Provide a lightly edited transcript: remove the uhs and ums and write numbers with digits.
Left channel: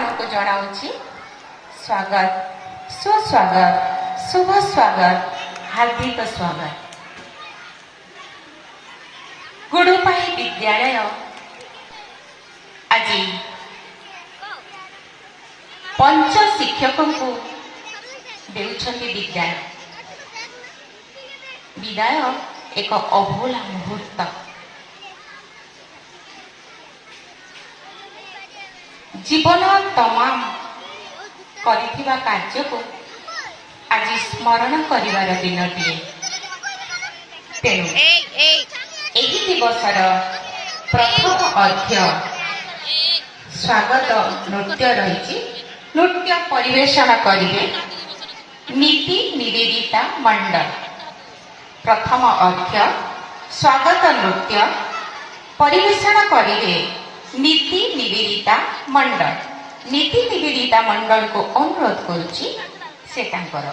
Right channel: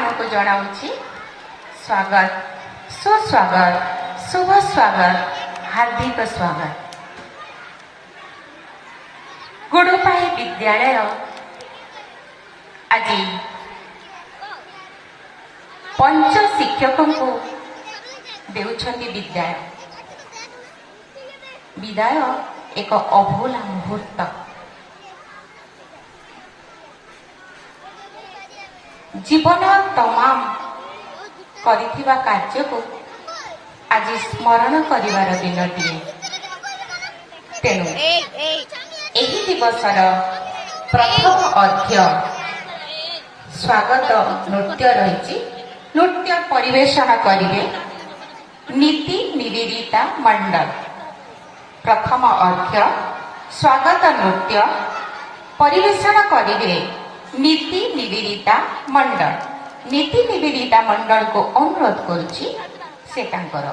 ମାନଙ୍କୁ ଜଣାଉଛି ସ୍ୱାଗତ, ସୁସ୍ୱାଗତ, ଶୁଭ ସ୍ୱାଗତ, ହାର୍ଦ୍ଦିକ ସ୍ୱାଗତ। ଗୁଡୁପାଇ ବିଦ୍ୟାଳୟ ଆଜି ପଞ୍ଚ ଶିକ୍ଷକଙ୍କୁ ଦେଉଛନ୍ତି ବିଦାୟ। ବିଦାୟ ଏକ ଅଭୁଲା ମୁହୂର୍ତ୍ତ। ଜୀବନ ତମାମ କରିଥିବା କାର୍ଯ୍ୟକୁ ଆଜି ସ୍ମରଣ କରିବାର ଦିନଟିଏ। ତେଣୁ ଏହି ଦିବସର ପ୍ରଥମ ଅର୍ଘ୍ୟ ସ୍ୱାଗତ ନୃତ୍ୟ ରହିଛି। ନୃତ୍ୟ ପରିବେଷଣ କରିବେ ନୀତି ନିବେଦିତା ମଣ୍ଡଳ। ପ୍ରଥମ ଅର୍ଘ୍ୟ ସ୍ୱାଗତ ନୃତ୍ୟ ପରିବେଷଣ କରିବେ ନୀତି ନିବେଦିତା ମଣ୍ଡଳ। ନୀତି ନିବେଦିତା ମଣ୍ଡଳକୁ ଅନୁରୋଧ କରୁଛି ସେ ତାଙ୍କର